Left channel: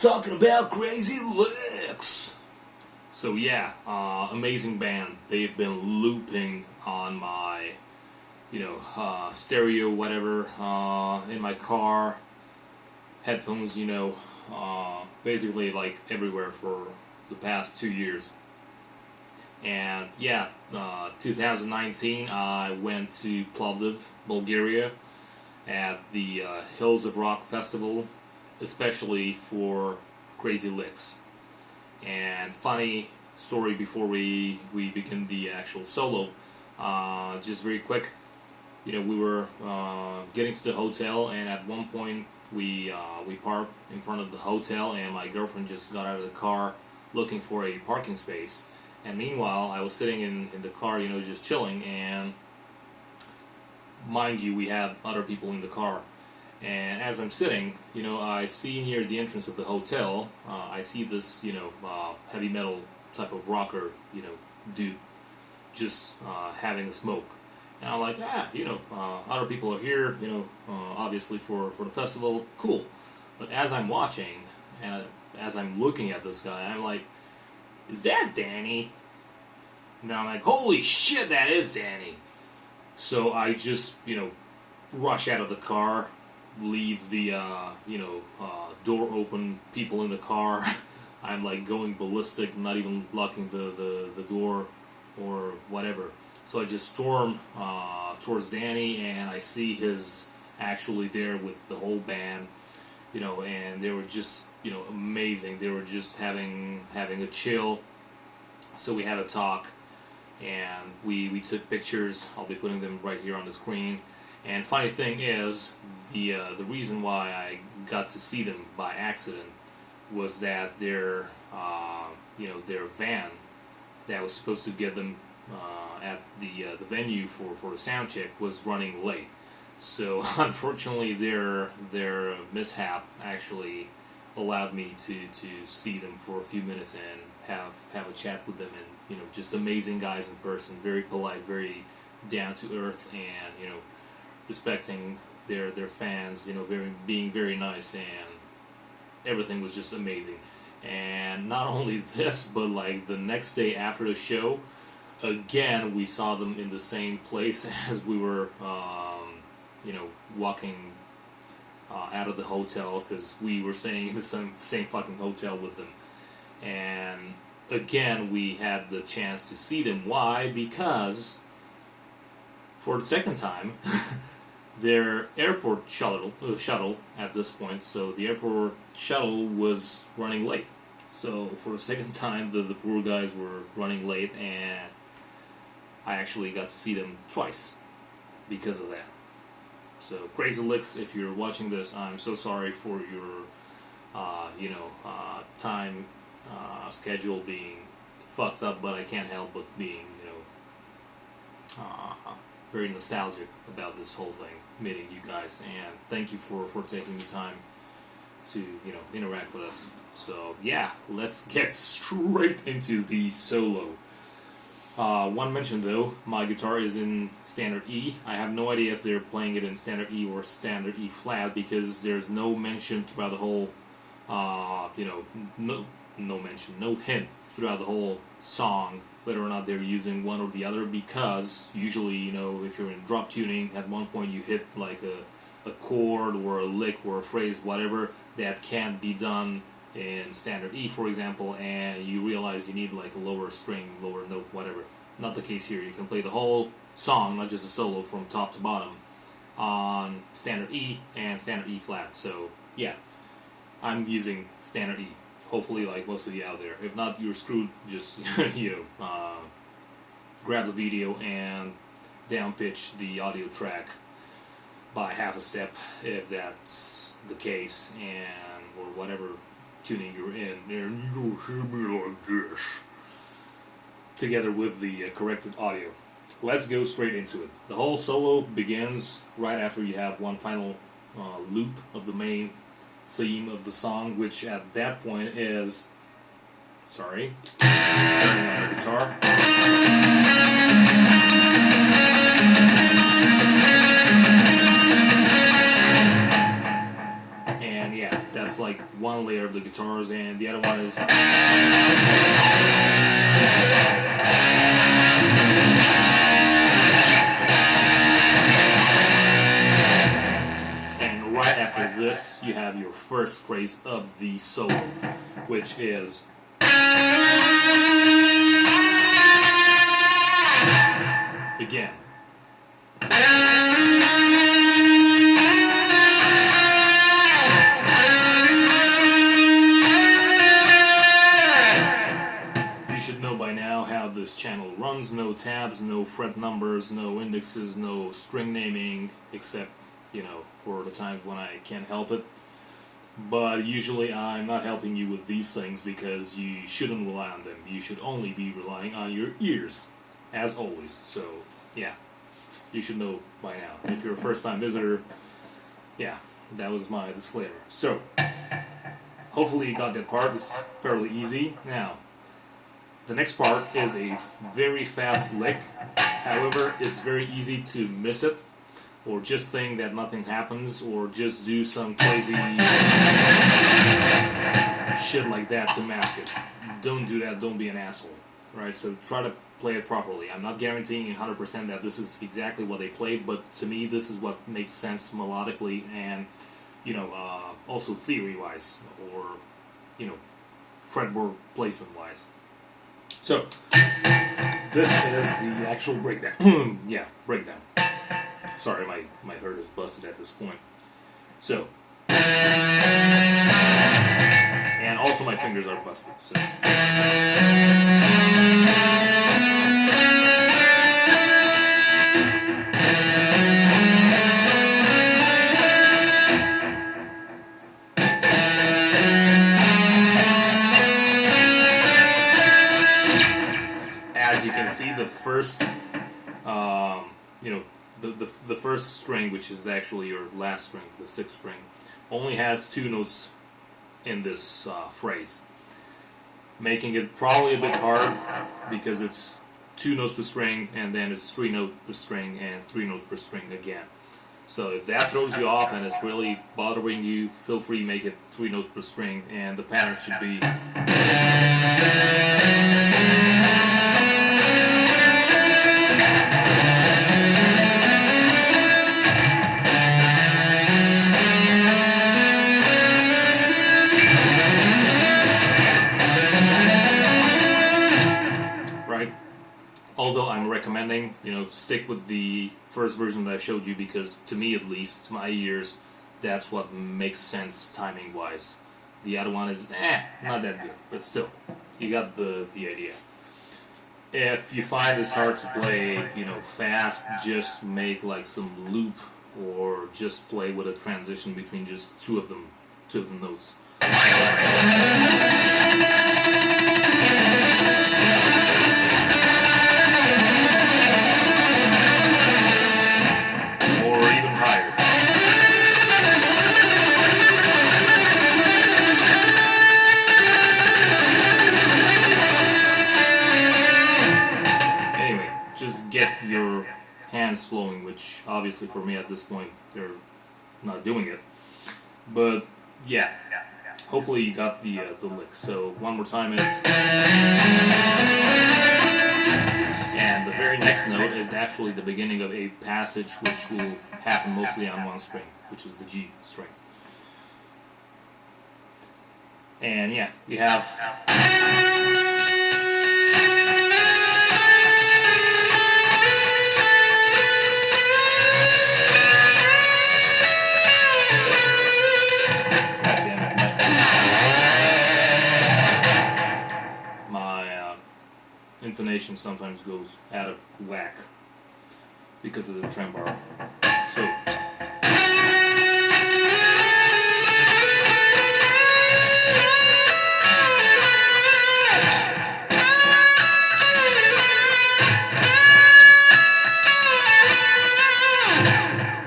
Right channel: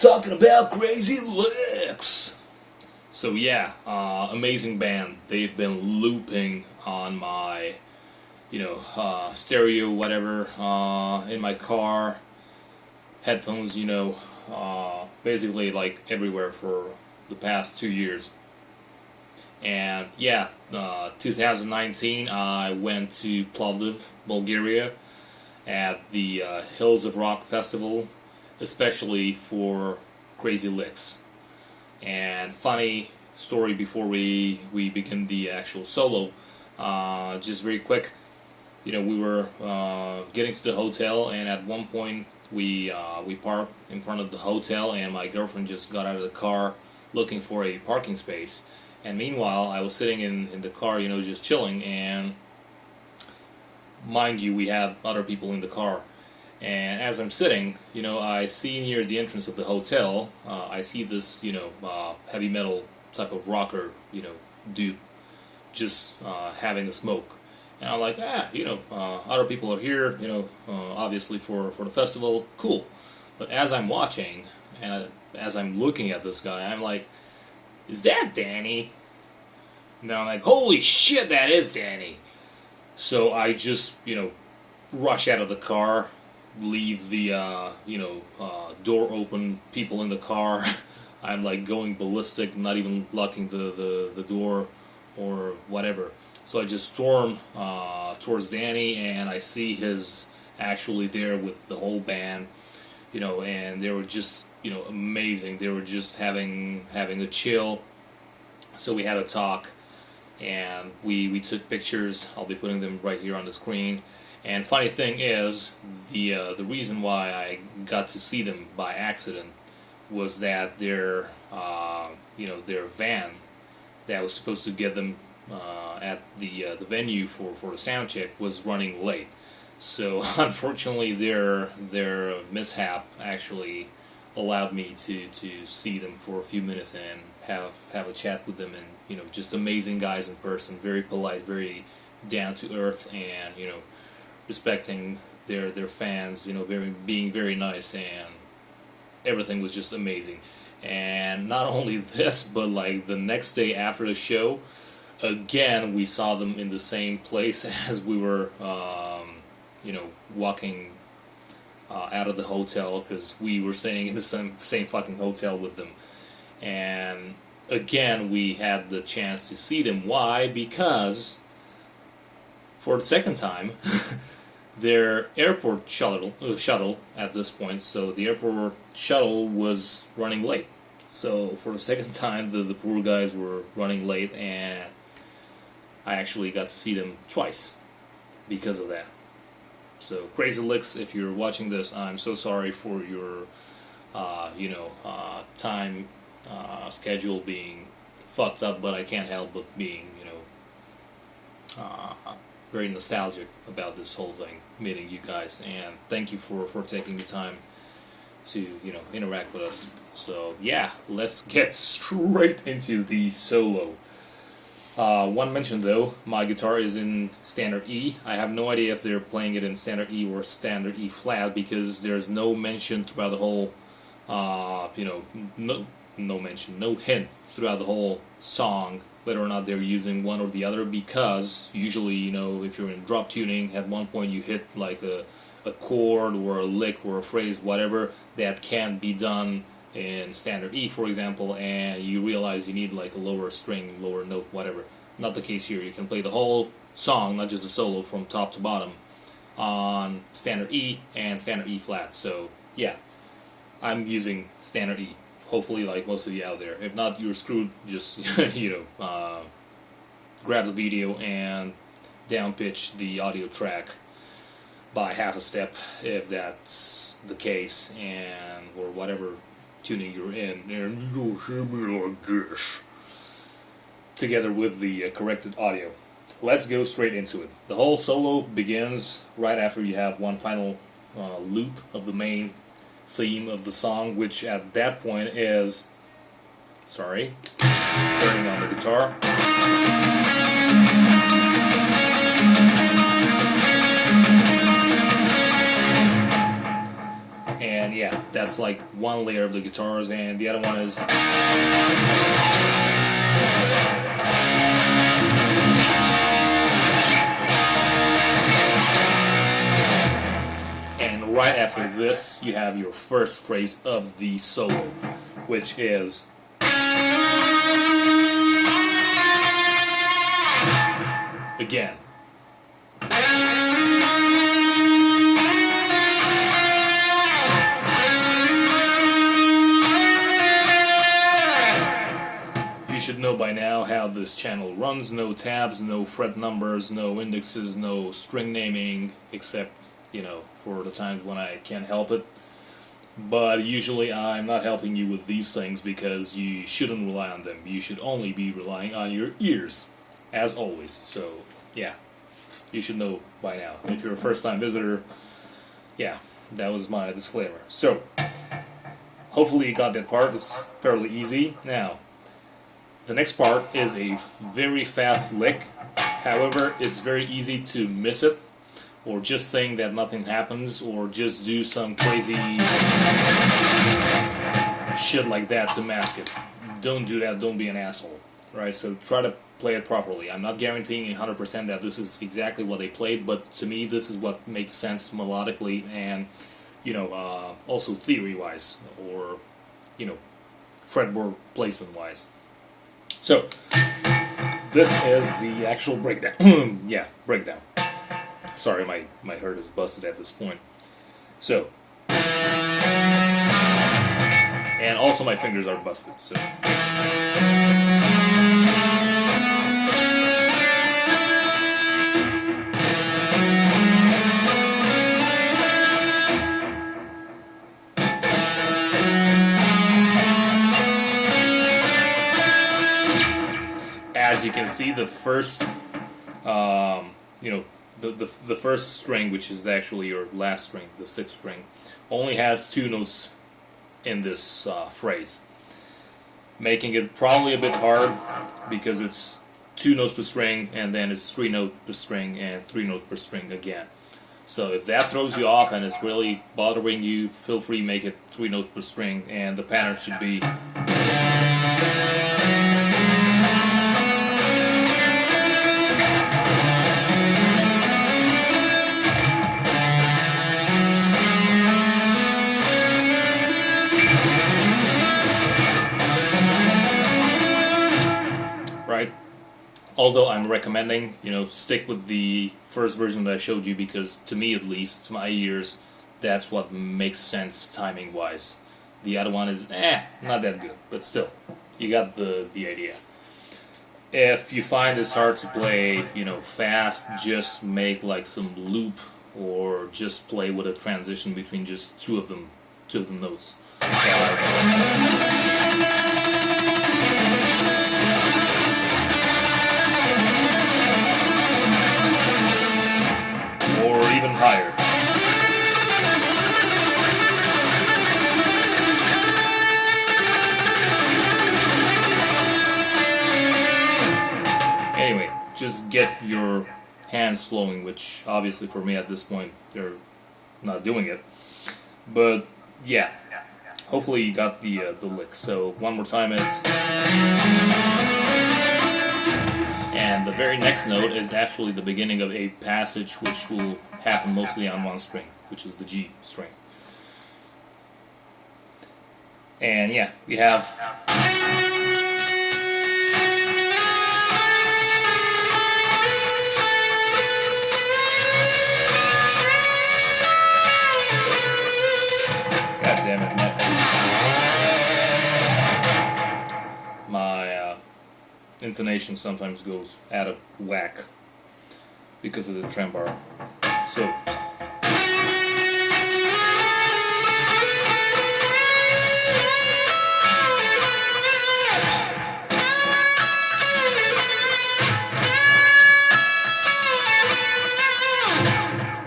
Talking about Crazy Lixx. So yeah, amazing band. They've been looping on my, stereo, whatever, in my car, headphones, basically like everywhere for the past 2 years. And yeah, 2019, I went to Plovdiv, Bulgaria, at the Hills of Rock Festival, especially for Crazy Lixx. And funny story before we begin the actual solo, just very quick, we were getting to the hotel, and at one point we parked in front of the hotel, and my girlfriend just got out of the car looking for a parking space. And meanwhile, I was sitting in the car, just chilling, and mind you, we had other people in the car. And as I'm sitting, I see near the entrance of the hotel, I see this, heavy metal type of rocker, dude, just having a smoke. And I'm like, other people are here, obviously for the festival, cool. But as I'm watching, and as I'm looking at this guy, I'm like, is that Danny? Now I'm like, holy shit, that is Danny. So I just, rush out of the car, leave the, door open, people in the car. I'm like going ballistic, not even locking the door or whatever. So I just storm towards Danny, and I see his actually there with the whole band, and they were just, amazing. They were just having a chill. So we had a talk, and we took pictures. I'll be putting them right here on the screen. And funny thing is, the reason why I got to see them by accident was that their van that was supposed to get them at the venue for the sound check was running late. So unfortunately, their mishap actually allowed me to see them for a few minutes and have a chat with them, and just amazing guys in person, very polite, very down to earth, and respecting their fans, being very nice, and everything was just amazing. And not only this, but like the next day after the show, again we saw them in the same place as we were walking out of the hotel, because we were staying in the same fucking hotel with them. And again, we had the chance to see them. Why? Because for the second time, their airport shuttle at this point, so the airport shuttle was running late. So for the second time, the poor guys were running late, and I actually got to see them twice because of that. So Crazy Lixx, if you're watching this, I'm so sorry for your time schedule being fucked up, but I can't help but being very nostalgic about this whole thing, meeting you guys, and thank you for taking the time to interact with us. So yeah, let's get straight into the solo. One mention though, my guitar is in standard E. I have no idea if they're playing it in standard E or standard E flat, because there's no mention throughout the whole, no hint throughout the whole song whether or not they're using one or the other, because usually, if you're in drop tuning, at one point you hit like a chord or a lick or a phrase, whatever, that can't be done in standard E, for example, and you realize you need like a lower string, lower note, whatever. Not the case here. You can play the whole song, not just a solo, from top to bottom on standard E and standard E flat. So yeah, I'm using standard E. Hopefully, like most of you out there. If not, you're screwed. Just grab the video and down pitch the audio track by half a step, if that's the case, and or whatever tuning you're in, and you'll hear me like this, together with the corrected audio. Let's go straight into it. The whole solo begins right after you have one final loop of the main theme of the song, which at that point is, turning on the guitar. And yeah, That's like one layer of the guitars, and the other one is. And right after this, you have your first phrase of the solo, which is. Again. You should know by now how this channel runs. No tabs, no fret numbers, no indexes, no string naming, except, for the times when I can't help it. But usually I'm not helping you with these things because you shouldn't rely on them. You should only be relying on your ears, as always. So, yeah, you should know by now. If you're a first-time visitor, yeah, that was my disclaimer. So, hopefully you got that part. It's fairly easy. Now, the next part is a very fast lick. However, it's very easy to miss it, or just think that nothing happens, or just do some crazy shit like that to mask it. Don't do that. Don't be an asshole. Right? So try to play it properly. I'm not guaranteeing 100% that this is exactly what they played, but to me this is what makes sense melodically and, also theory-wise, or, fretboard placement-wise. So, this is the actual breakdown. Yeah, breakdown. Sorry, my heart is busted at this point. So, and also my fingers are busted, so. As you can see, the first, the first string, which is actually your last string, the sixth string, only has two notes in this phrase, making it probably a bit hard because it's two notes per string, and then it's three notes per string, and three notes per string again. So if that throws you off and it's really bothering you, feel free to make it three notes per string, and the pattern should be. Although I'm recommending, stick with the first version that I showed you because, to me at least, to my ears, that's what makes sense timing-wise. The other one is, not that good, but still, you got the idea. If you find it's hard to play, fast, just make like some loop, or just play with a transition between just two of the notes. Just get your hands flowing, which obviously for me at this point they're not doing it. But yeah, hopefully you got the lick. So one more time is, and the very next note is actually the beginning of a passage which will happen mostly on one string, which is the G string. And yeah, we have. Intonation sometimes goes out of whack because of the trem bar. So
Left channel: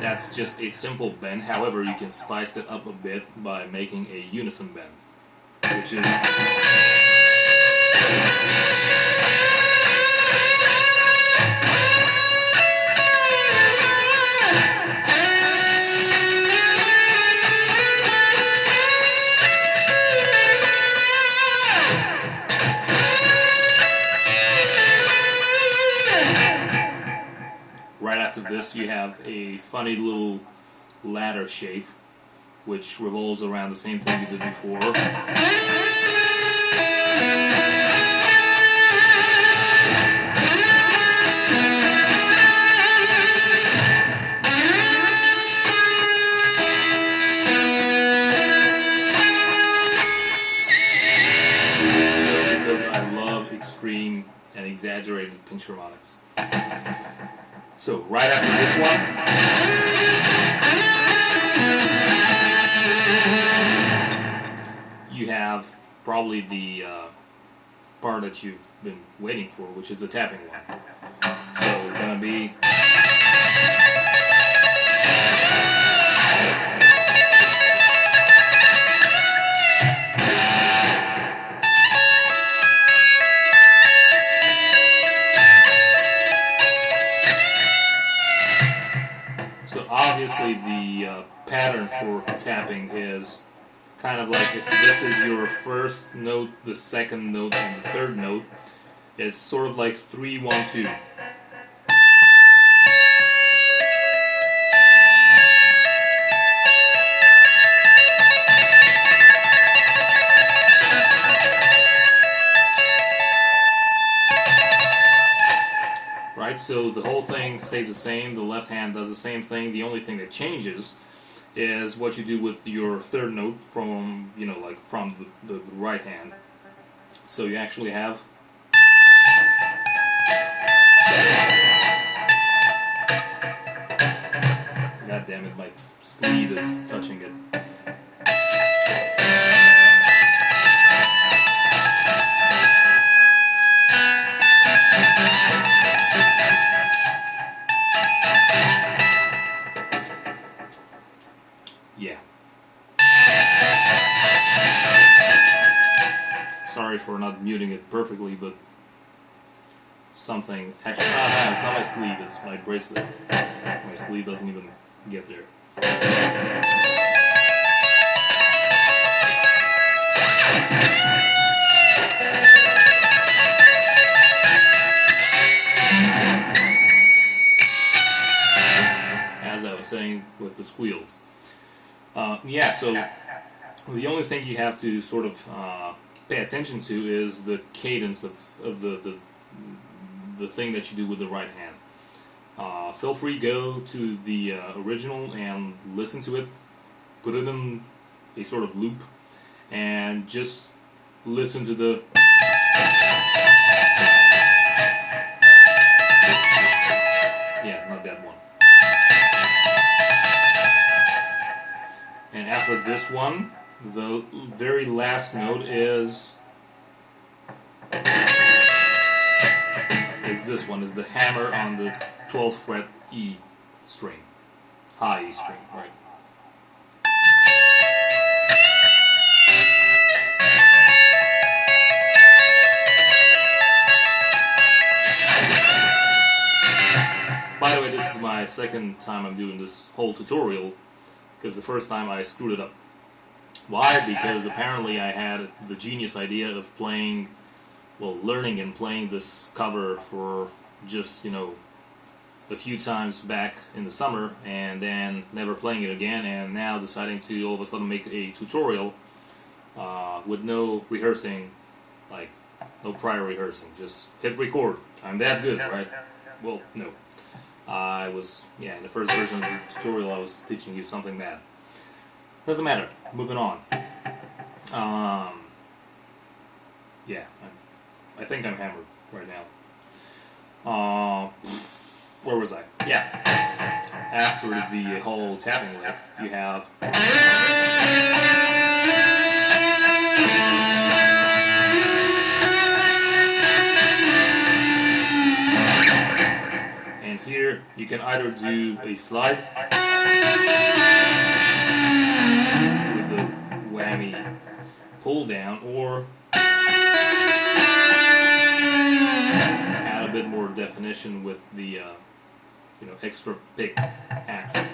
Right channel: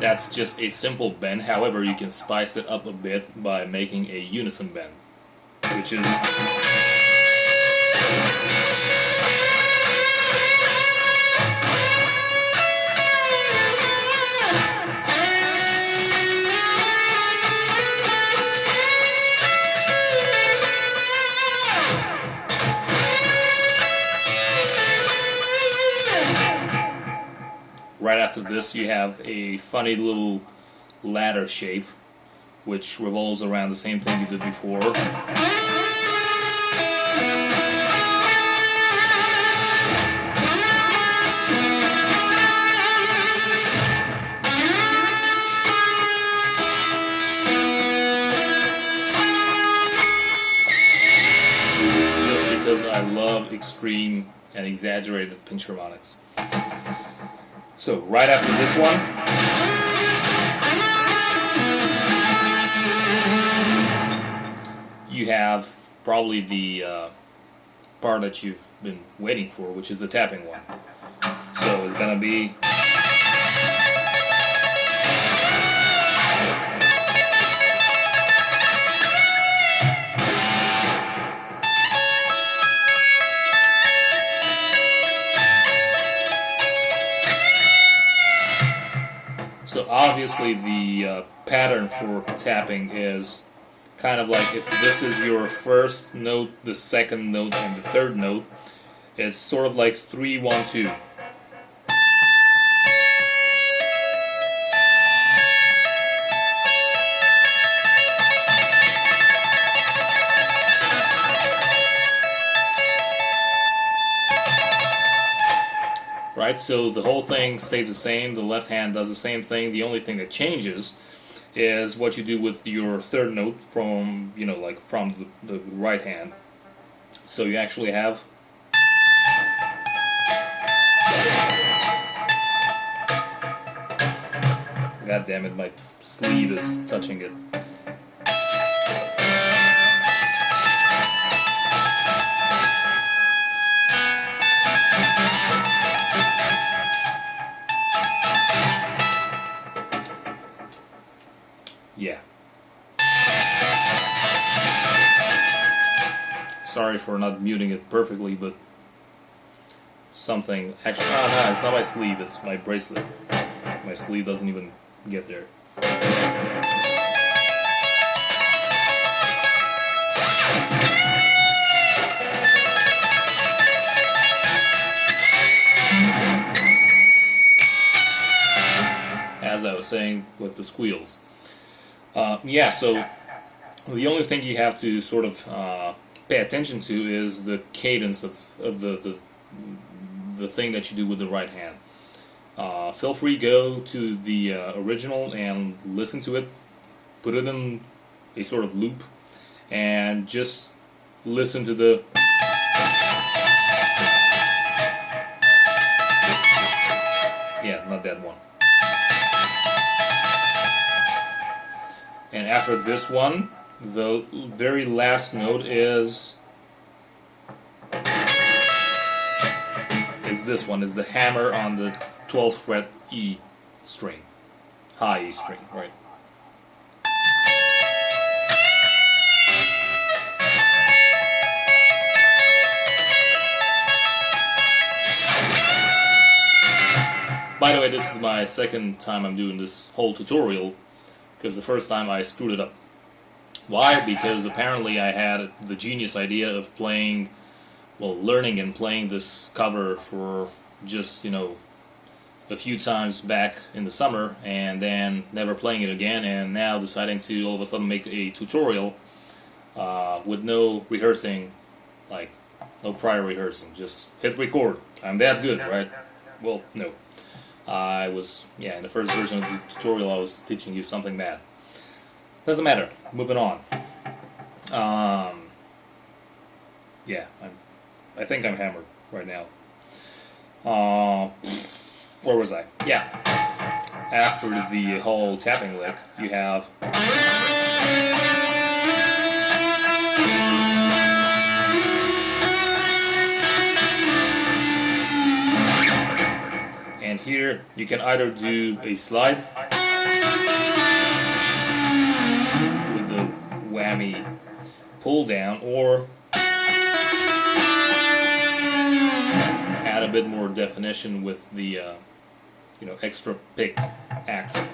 that's just a simple bend. However, you can spice it up a bit by making a unison bend, which is. after this, you have a funny little ladder shape, which revolves around the same thing you did before. Just because I love extreme and exaggerated pinch harmonics. So, right after this one, you have probably the part that you've been waiting for, which is the tapping one. So it's gonna be. So obviously the pattern for tapping is kind of like if this is your first note, the second note, and the third note, it's sort of like 3, 1, 2. Right, so the whole thing stays the same. The left hand does the same thing. The only thing that changes is what you do with your third note from, like from the right hand. So you actually have. God damn it, my sleeve is touching it. Yeah. Sorry for not muting it perfectly, but something actually. No, it's not my sleeve, it's my bracelet. My sleeve doesn't even get there. As I was saying with the squeals. Yeah, so the only thing you have to sort of pay attention to is the cadence of the thing that you do with the right hand. Feel free go to the original and listen to it, put it in a sort of loop, and just listen to the not that one. And after this one, the very last note is this one, is the hammer on the 12th fret E string, high E string, right? By the way, this is my second time I'm doing this whole tutorial, because the first time I screwed it up. Why? Because apparently I had the genius idea of playing, learning and playing this cover for just, a few times back in the summer, and then never playing it again, and now deciding to all of a sudden make a tutorial with no rehearsing, like no prior rehearsing, just hit record. I'm that good, right? Well, no. I was, in the first version of the tutorial I was teaching you something bad. Doesn't matter. Moving on. I think I'm hammered right now. Where was I? Yeah. After the whole tapping lick, you have. And here you can either do a slide with the whammy pull down, or add a bit more definition with the extra pick accent.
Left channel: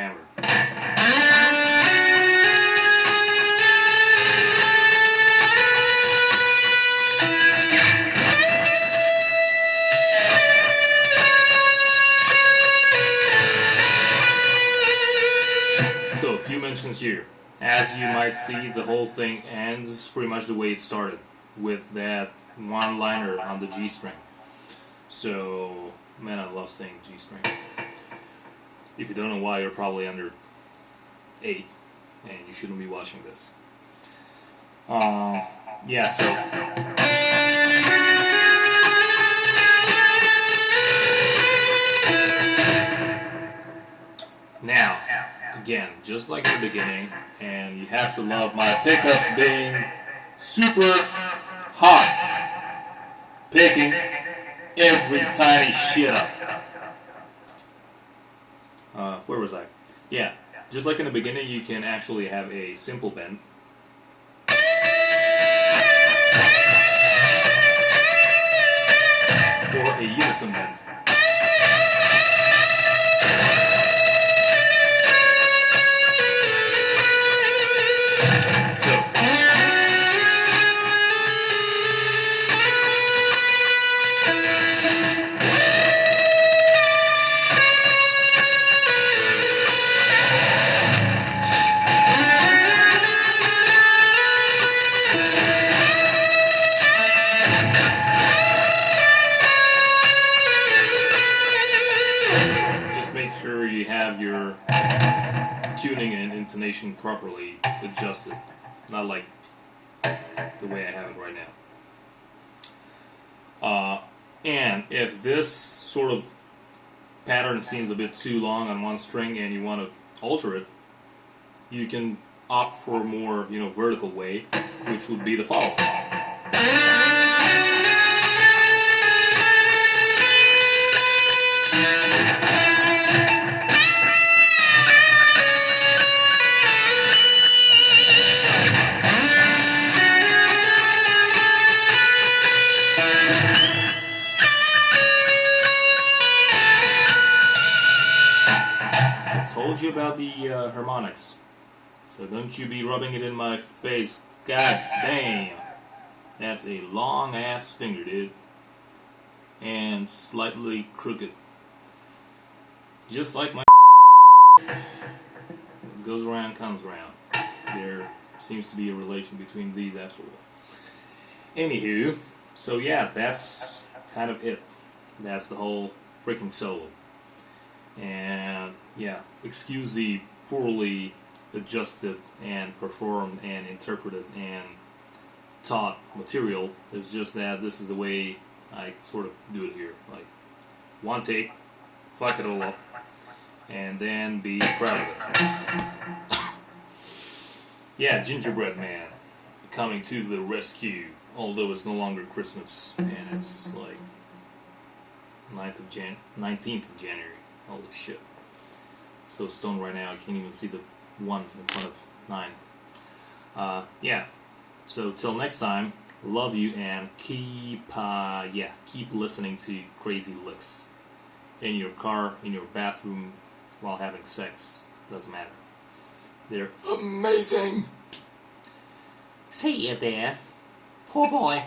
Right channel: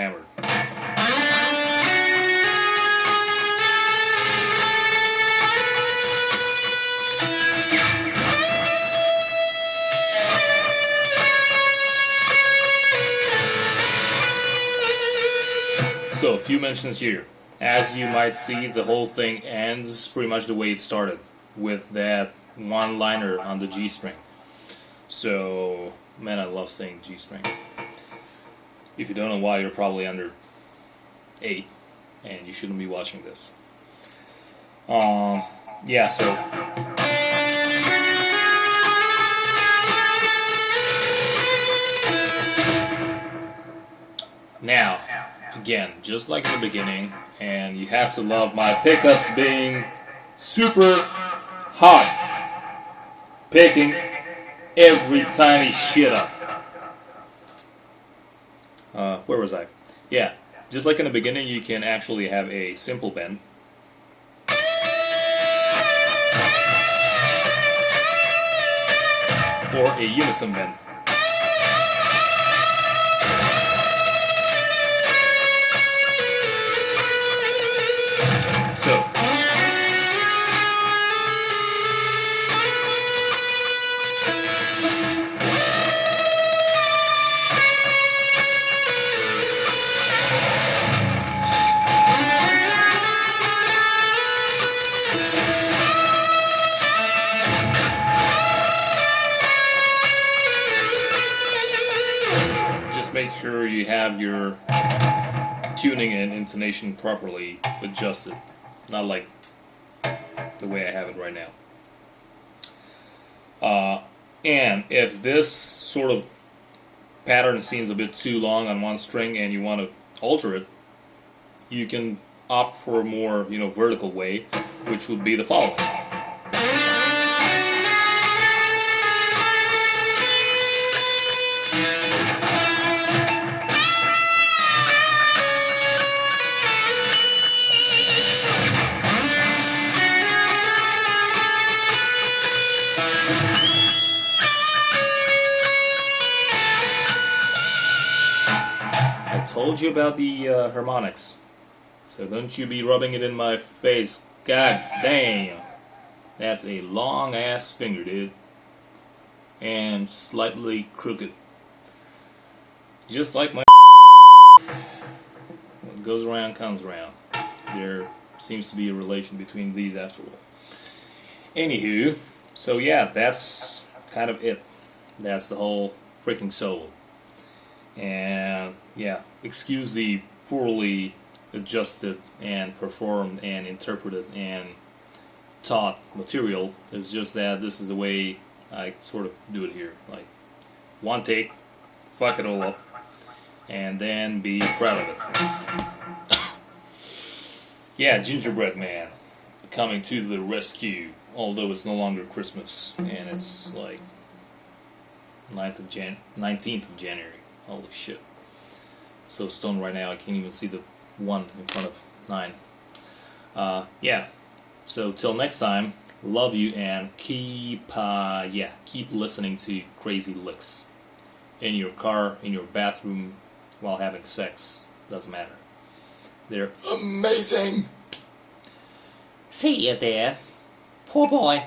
hammered. So, a few mentions here. As you might see, the whole thing ends pretty much the way it started, with that one-liner on the G string. So, man, I love saying G string. If you don't know why, you're probably under 8, and you shouldn't be watching this. Yeah, so... Now, again, just like in the beginning, and you have to love my pickups being super hot. Picking every tiny shit up. Where was I? Yeah, just like in the beginning, you can actually have a simple bend. Or a unison bend. So, just make sure you have your tuning and intonation properly adjusted. Not like the way I have it right now. And if this sort of pattern seems a bit too long on one string and you want to alter it, you can opt for a more, vertical way, which would be the following. I told you about the harmonics, so don't you be rubbing it in my face. God damn, that's a long ass finger, dude, and slightly crooked, just like my. What goes around comes around. There seems to be a relation between these after all. Anywho, so yeah, that's kind of it. That's the whole freaking solo. And yeah, excuse the poorly adjusted and performed and interpreted and taught material. It's just that this is the way I sort of do it here. Like, one take, fuck it all up, and then be proud of it. Yeah, Gingerbread Man coming to the rescue. Although it's no longer Christmas and it's like 19th of January. Holy shit. So stoned right now, I can't even see the 1 in front of 9. Yeah. So till next time, love you and keep listening to Crazy Lixx. In your car, in your bathroom, while having sex. Doesn't matter. They're amazing! See you there. Poor boy.